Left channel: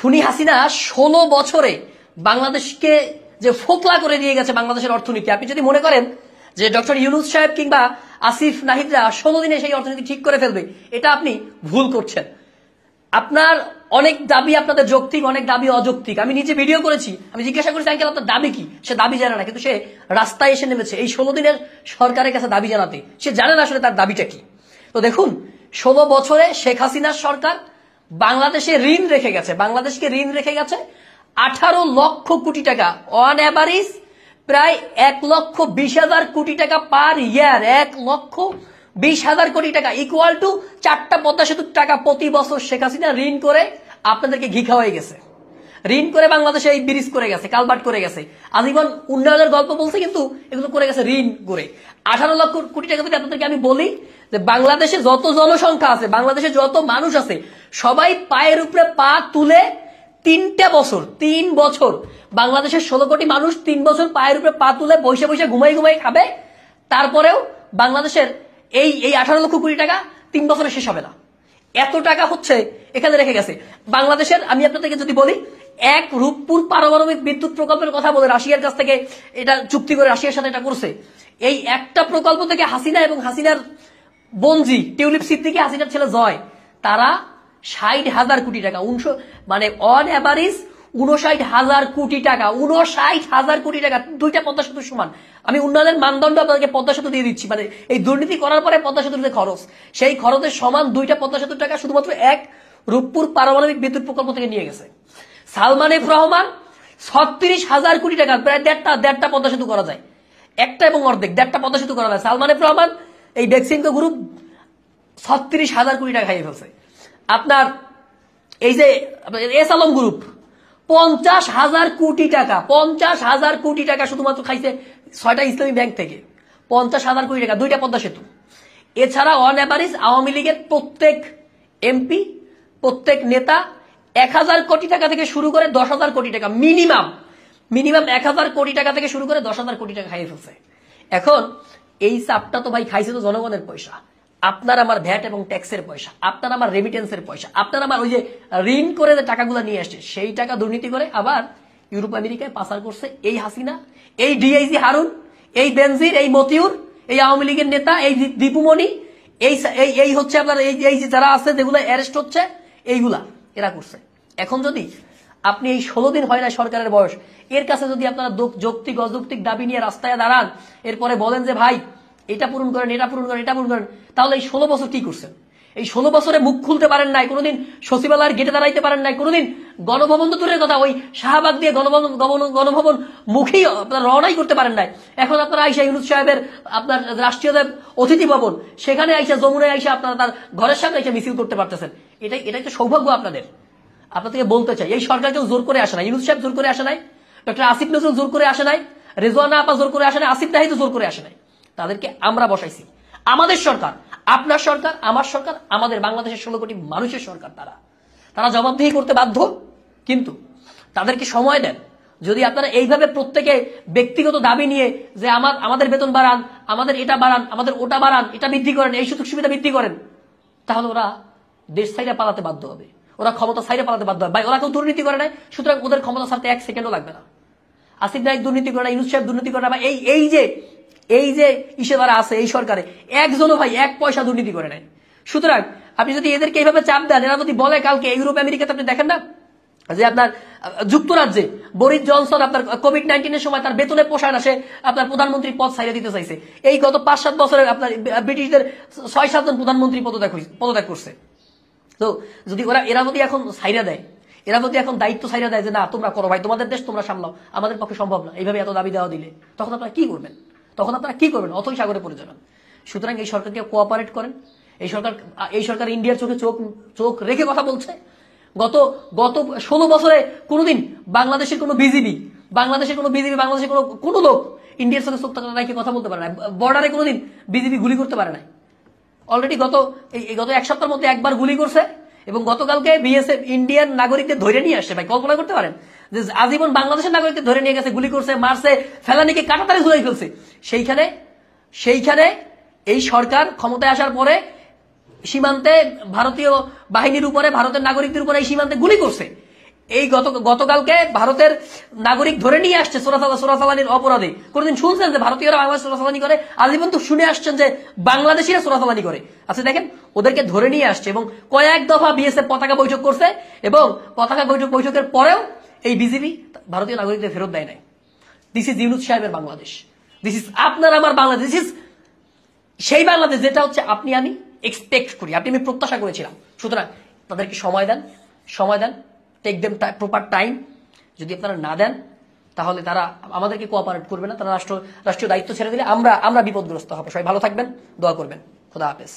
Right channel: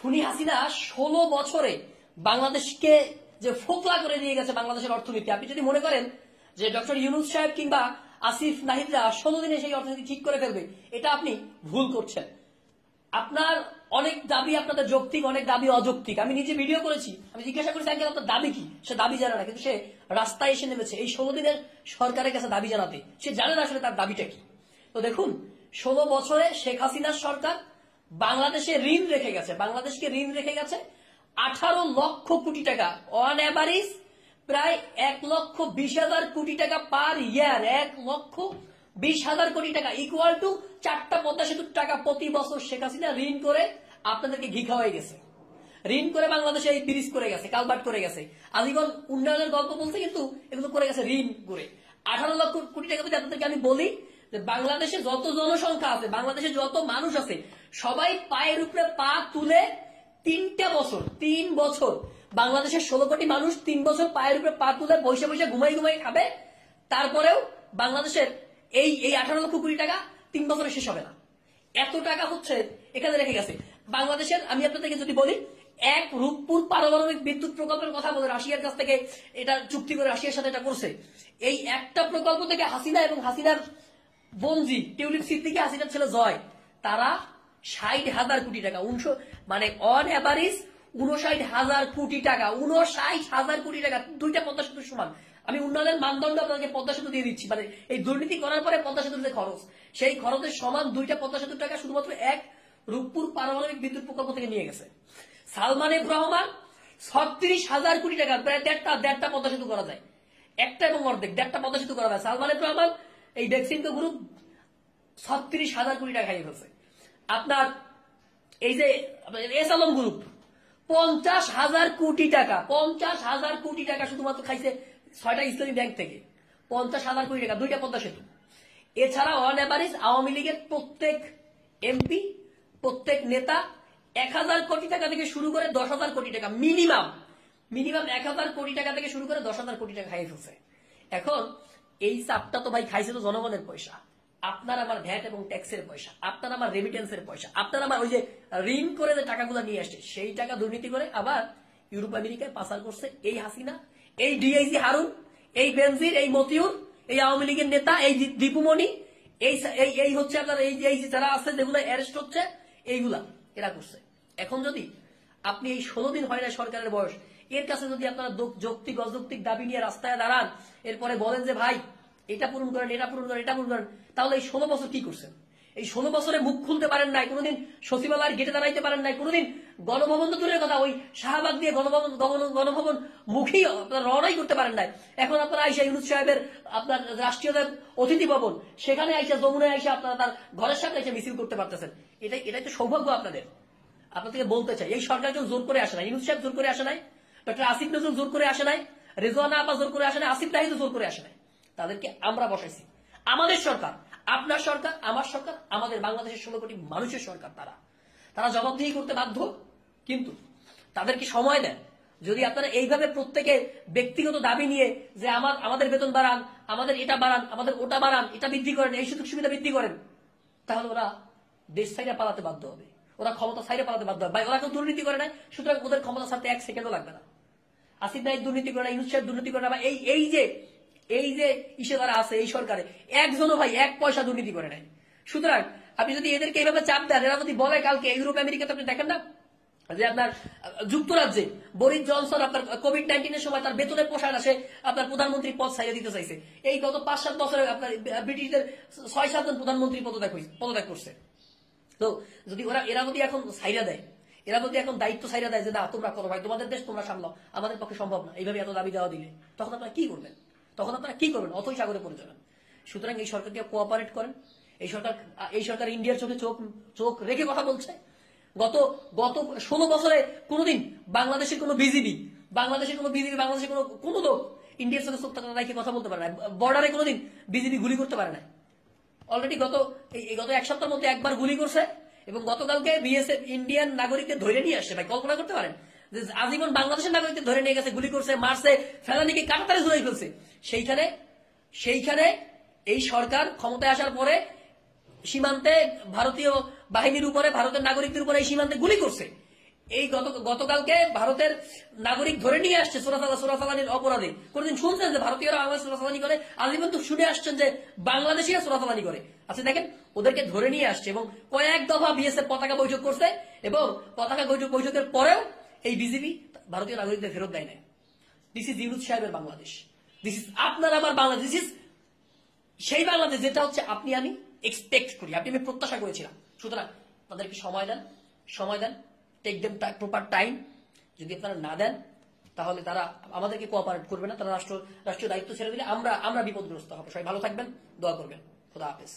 খুনি হাসিনা 16 বছরে বাংলাদেশকে যে ফোকলা করে দিয়ে গেছে বাংলাদেশের অর্থনীতি। আপনি যদি মনে করেন যে ডক্টর ইউনূস সাহেব কিংবা আসিফ নাহিদরা 16 দিনে সেই অর্থনীতি ঠিক করে ফেলবে, এটা আপনি ভুল করছেন। আপনার অনেক দাবি আপনাদের যৌক্তিক, অনেক দাবি অযৌক্তিক। আমি নিজে ভিডিও করেছি, আমি জিজ্ঞাসা করেছি আঙ্কেল আপনার দাবি কি, সে দাবি জানে না, কিন্তু সে রাস্তায় এসে নেমেছে এই 16 দিনের সরকারের কাছে দাবি জানাতে। সে জানে না আসলে তার দাবিটা কি। তো দেখুন, 16 বছরে শেখ হাসিনার সরকার বাংলাদেশে ঋণ রেখে গেছে, বাংলাদেশকে ঋণ রেখে গেছে 18 লক্ষ কোটি টাকা, অন অ্যাভারেজ প্রায় 1,20,000 কোটি টাকা পার ইয়ার। 1,20,000 কোটি টাকা ইকুয়াল টু 4টা পদ্মা সেতুর টাকা প্রতি বছর শেখ হাসিনা ঋণ করে আপনাদেরকে ঘি খাওয়াই গেছে। ঋণ করে বাংলাদেশে এই ব্রিজ করে গেছে, কালভার্ট করে গেছে, আজীবন উন্নয়নের গল্প বলছে, কিন্তু এগুলো করে গেছে ঋণ করে। 18 লক্ষ কোটি টাকা থেকে আপনাদেরকে আমি বলি যে বাংলাদেশে যত জনসংখ্যা আছে, বাংলাদেশে যত মানুষ আছে, সবাই পায়ের উপরে পা তুলে 3 বছর বাংলাদেশের 16 কোটি মানুষ 3 বছর পায়ের উপরে পা তুলে বসে বসে ঘুমাই ঘুমাই খাবে। তারপরেও বাংলাদেশের এই 18 লক্ষ কোটি টাকা 3 বছরে শেষ হবে না। এত টাকা হচ্ছে এখানে রেখে গেছে বাংলাদেশের। আমি আপনাদেরকে যদি বলি, এক রূপপুর পারমাণবিক বিদ্যুৎ প্রকল্পের কথা বলে রাশিয়ার কাছ থেকে এটা চুক্তি করে রাশিয়ার সাথে এটা করছে। এই একটা প্রকল্প থেকে হাসিনা এবং হাসিনার বঞ্জি টিউলিপ সিদ্দিকী, হাসিনার ছেলে জয়, তারা 60,000 কোটি টাকা, মানে অন অ্যাভারেজ 59,000 কোটি টাকা, 59,000 কোটি টাকা, 2টা পদ্মা সেতুর সমান। আমি উন্নয়নের মানদণ্ড আপনাদেরকে পদ্মা সেতু দিয়ে দিচ্ছি, মানে এই দুর্নীতি করার পরে পদ্মা সেতুর যে খরচ, সেই খরচের সমান 2টা পদ্মা সেতুর টাকা শুধুমাত্র এক রূপপুর পারমাণবিক বিদ্যুৎ প্রকল্প থেকে নিয়ে গেছে। সালমান এফ রহমান 36,000 কোটি টাকা, প্রায় দেড়টা পদ্মা সেতু করা যায়, একটা এবং অর্ধেক 1.5টা পদ্মা সেতু করা যায়। সালমান এফ রহমান এই বেক্সিমকো গ্রুপ 36,000 কোটি টাকা খাইয়ে ফেলছে। আপনার এই যে এস আলম গ্রুপ 50,000 কোটি টাকা, 50,000 কোটি টাকা শুধুমাত্র খাইছে 6টা ইসলামী ব্যাংক থেকে। 50,000 কোটি টাকা, 2টা পদ্মা সেতু। এছাড়া অন অ্যাভারেজ আওয়ামী লীগের প্রত্যেক এমপি, প্রত্যেক নেতা 1,000 কোটি টাকা থেকে শুরু করে 10,000 কোটি টাকা, মিনিমাম 1,000 কোটি টাকা থেকে শুরু করে 10,000 কোটি টাকা খাইয়ে ফেলছে। এখন এই চাপটা তো ভাই খাইছে তো জনগণের পয়সা, আপনার আমার ভ্যাট এবং ট্যাক্সের পয়সা, আপনার আমার রেমিটেন্সের পয়সা, আপনার আমার ওই যে ঋণ করে যে টাকাগুলো নিয়ে আসছে সেই টাকা দুর্নীতি করে আবার ইউরোপ আমেরিকায় পাচার করছে এই হাসিনা, এই ডিআইজি হারুন, এই বেনজির, এই মতিউর, এই আওয়ামী লীগের নেতা, এই দীপুমণি, এই হচ্ছে আপনার এই যারা আছে যেগুলো অ্যারেস্ট হচ্ছে, এইগুলা এরা করছে। এখন যদি আপনি এই 16 দিন হয় না সরকারের বয়স, এর কাছে যদি আপনারা যৌক্তিক অযৌক্তিক দাবি নিয়ে রাস্তায় দাঁড়ান, এরপরে বলেন যে ভাই এটা পূরণ করেন, এটা পূরণ করেন, এটা পূরণ করেন, তাহলে এই 16 বছর কি করছেন? এই 16 বছরে মুখ খুলতে পারেন নাই, কোনোদিন সচিবালয়ের গেটে দাঁড়াইতে পারেন নাই, কোনোদিন গণভবন তো দূরের কথা, ওই শাহবাগ দিয়ে গণভবন মুখেই আপনার রওনাই করতে পারেন নাই। এখন আপনারা আইসা ইউনূস সাহেবের আপনার রাষ্ট্রীয় অতিথি ভবন, সেখানে আইসা যমুনায় আইসা আপনারা তার ঘরের সামনে এসে মিছিল করতে পারতেছেন। এটাই তো সৌভাগ্য আপনাদের। আপনাদেরকে বলতে চাই, এই সরকার কেউ জোর করে আসে নাই, ইউনূস সাহেব জোর করে আসে নাই, ডক্টর আসিফ নজরুল জোর করে আসে নাই, রেজওয়ানা আপা জোর করে আসে নাই, আসিফ নাহিদও জোর করে আসে নাই। তাদেরকে আমরা বসাইছি। আমাদের সরকার, আপনার সরকার, আমার সরকার, আমাদের বাংলাদেশের 16 কোটি মানুষের সরকার। তারা জবাবদিহি করতে বাধ্য, কিন্তু তাদেরকে সময় দেন। যদি আপনারা এইভাবে প্রত্যেকে ব্যক্তিগত দাবি নিয়ে যে আমাদের বেতন বাড়ান, আমাদের এটা বাড়ান, আমাদের ওটা বাড়ান, এটা বৃদ্ধি করেন, এই সুযোগ সুবিধা বৃদ্ধি করেন, তাহলে ওরা দেশ ছাইরে পালাতে বাধ্য হবে, ওরা ক্ষমতা ছাইরে পালাতে বাধ্য হবে। ভাই ওরা কেউ দুর্নীতি করে নাই, সুতরাং ওদের ক্ষমতা ছাড়তে 1 সেকেন্ডও লাগবে না। আসিফ নাহিদ দুর্নীতি করে না, ইউনূস সাহেব দুর্নীতি করে না, বা এই যে ইসে যারা আছে এই সরকারে একজনও ভাই 1 পয়সা দুর্নীতি করে নাই। সুতরাং আপনি যদি এদেরকে এইভাবে চাপ দেন, এরা যদি বলে কালকে ইউরোপ আমেরিকাতে, আপনি দেখেন না যে আপনার যুক্তরাজ্যে বরিস জনসন আপনার কোভিড-19 সময় তার বেতনে পোষায় না, সে আপনার প্রধানমন্ত্রী পদ ছাইড়ে দিতে চাইছে। এই গত 5-7 বছরের আপনার ব্রিটিশদের 6-7 জন প্রধানমন্ত্রী পদত্যাগ করছে। তো যদি এরা যদি এখন ছাইড়া দেয়, এরা যদি এখন দায়িত্ব ছাইড়া দেয় যে না তোমরা করো ভাই, তোমাদের দেশ তোমরা সামলাও, আমাদের পক্ষে সম্ভব না, এইভাবে এত দাবি দেওয়া দিলে, তখন আপনারা কি করবেন? অথই সাগরে পড়ে যাবেন। সুতরাং এই সরকারকে কোঅপারেট করেন। এই সরকার ইন্ডিয়ার চোখে চোখ রেখে কথা বলছে। গত 16 বছরে কোনোদিন বাংলাদেশের কোনো বিজিবি, বাংলাদেশের কোনো লোক ইন্ডিয়ার চোখে চোখ রেখে কথা বলতে পারে না। বর্ডারে কোনোদিন বিজিবি গুলি করতে পারে না। অলরেডি গত 1 সপ্তাহের মধ্যে একবার গুলি করছে, এবং গতকালকে বিএসএফ ইন্ডিয়ান নাগরিকদের ধরে নিয়ে আসছে। ভাই কল্পনা করতে পারেন যে আজীবন বাংলাদেশের নাগরিকদের ধরে নিয়ে গেছে, গুলি করছে, মারছে, ফেলানিকে কাটাতারে ঝুলাই ফেলছে। সেইখানে এই সরকার ক্ষমতায় আসার পরে সীমান্তে ভারতীয় বাহিনীর উপরে, ভারতের নাগরিকদের উপরে এই সীমান্তে গুলি করছে। এই গতকালকে ভারতের নাগরিক ধরে নিয়ে আসছে চোরাচালানির অপরাধে। কোনদিন শুনছেন যে ভারতীয়রা বাংলাদেশ চোরাচালানি করে? আজীবন তো শুনে আসছেন যে বাংলাদেশিরা চোরাচালানি করে। আচ্ছা দেখেন, ওদেরকে ধরে নিয়ে আসছে এবং কয়েক দফা বিএসএফ পতাকা বৈঠক করছে এবং পতাকা বৈঠকের পরেও এই বিজিবি ভারতীয় নাগরিকদের ফেরত দেয় নাই। দিস ইজ ইউনূস সাহেবের বাংলাদেশ, দিস ইজ আপনার আমার বাংলাদেশ, দিস ইজ সেই বাংলাদেশ যেটা হচ্ছে আপনি আমি এক্সপেক্ট করি, আপনি আমি প্রত্যাশা করেছিলাম। সুতরাং তাদেরকে সময় দেন, টেক দেম প্রপার টাইম। যদি আপনারা না দেন তাহলে তারা আমাদেরকে কোঅপারেট করবে না, তারা রাষ্ট্রীয় দায়িত্ব ছেড়ে দিলে আমরা বিপদগ্রস্ত হবো। সবাই ভালো থাকবেন, দোয়া করবেন। খোদা হাফেজ।